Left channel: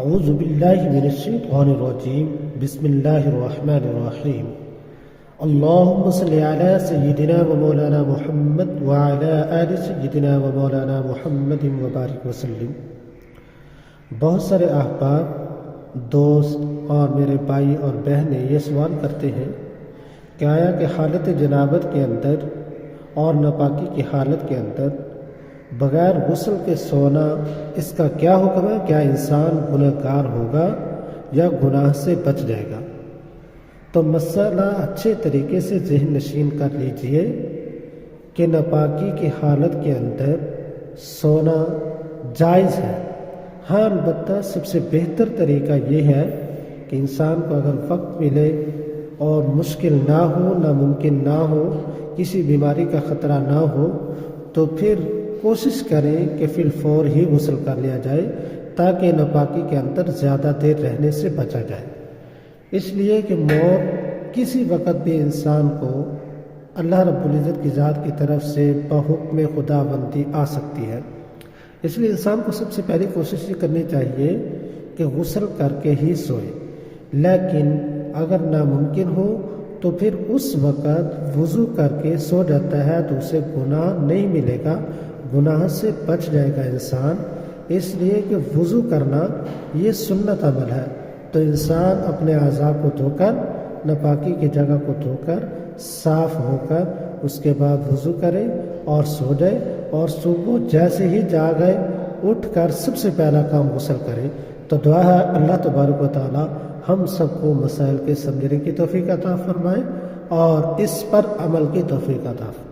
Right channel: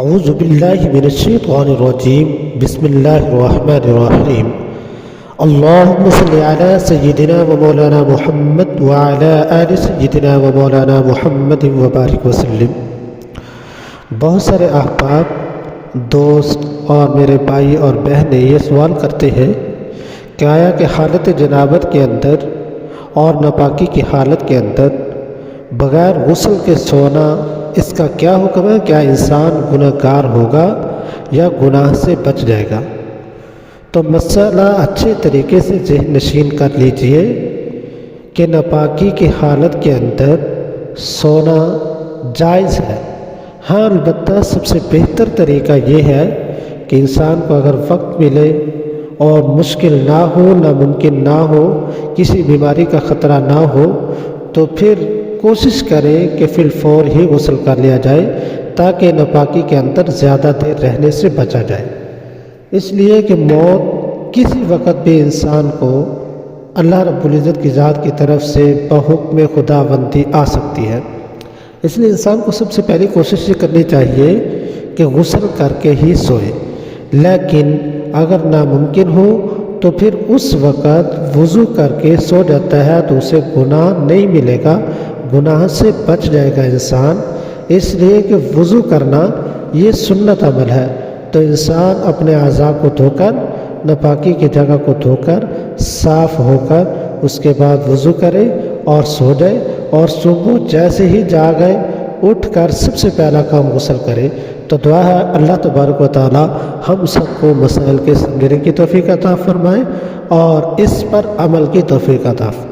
اعوذ باللہ من الشیطان الرجیم بسم اللہ الرحمن الرحیم اللہم صلی علی سیدنا و مولانا محمد وعلی آل سیدنا و مولانا محمد وبارک وسلم۔ بہت سارے احباب، دوست اور میرے بھائی اور بہنیں یہ سوال کرتے ہیں کہ آیا کہ حالت جنابت کے اندر اور ناپاکی کی حالت کے اندر بغیر غسل کے سونا، اس کا کیا حکم ہے؟ کیا انسان گناہ گار ہوگا یا گناہ سے بچ جائے گا؟ تو مسئلہ اچھے طریقے سے ذہن نشین کر لیجئے کہ ناپاکی کی حالت کے اندر سونا جائز ہے۔ ہاں، البتہ سب سے بہتر طریقہ یہ ہے کہ انسان کو اگر وقت ملے اور مشکل نہ ہو، ناممکن نہ ہو، کسی بیماری کا خطرہ نہ ہو، تو پھر کوشش کریں کہ فی الفور ہی غسل کر لیا جائے تاکہ ناپاکی کے اندر زیادہ دیر رہنے سے بچا جائے۔ اس لیے کہ موت کسی وقت بھی انسان کو اللہ رب العزت کی ذات کی طرف سے بحکم خداوندی آ سکتی ہے۔ اس لیے انسان کو سب سے پہلی کوشش یہ کرنی چاہیے کہ غسل کر کے ہی سوئے، لیکن اگر ناممکن ہو تو پھر اس وقت وضو کر کے سو جاتا ہے تو اسے گناہ نہیں ملے گا، گناہ سے بچ جائے گا انسان۔ اس لیے کہ وضو کرنا یہ سنت عمل ہے، تو انسان اپنے اعضاء کو دھو کر، ناپاکی کی جگہ کو دھو کر، صاف ہو کر اس کے بعد وضو کرے اور سو جائے، اور صبح جیسے ہی جاگے اٹھ کر سب سے پہلا کام غسل کرے۔ تو دعا ہے اللہ تبارک و تعالی ہم سب کو مسائل کے سمجھنے کی توفیق عطا فرمائے اور اس پر عمل کی توفیق عطا فرمائے۔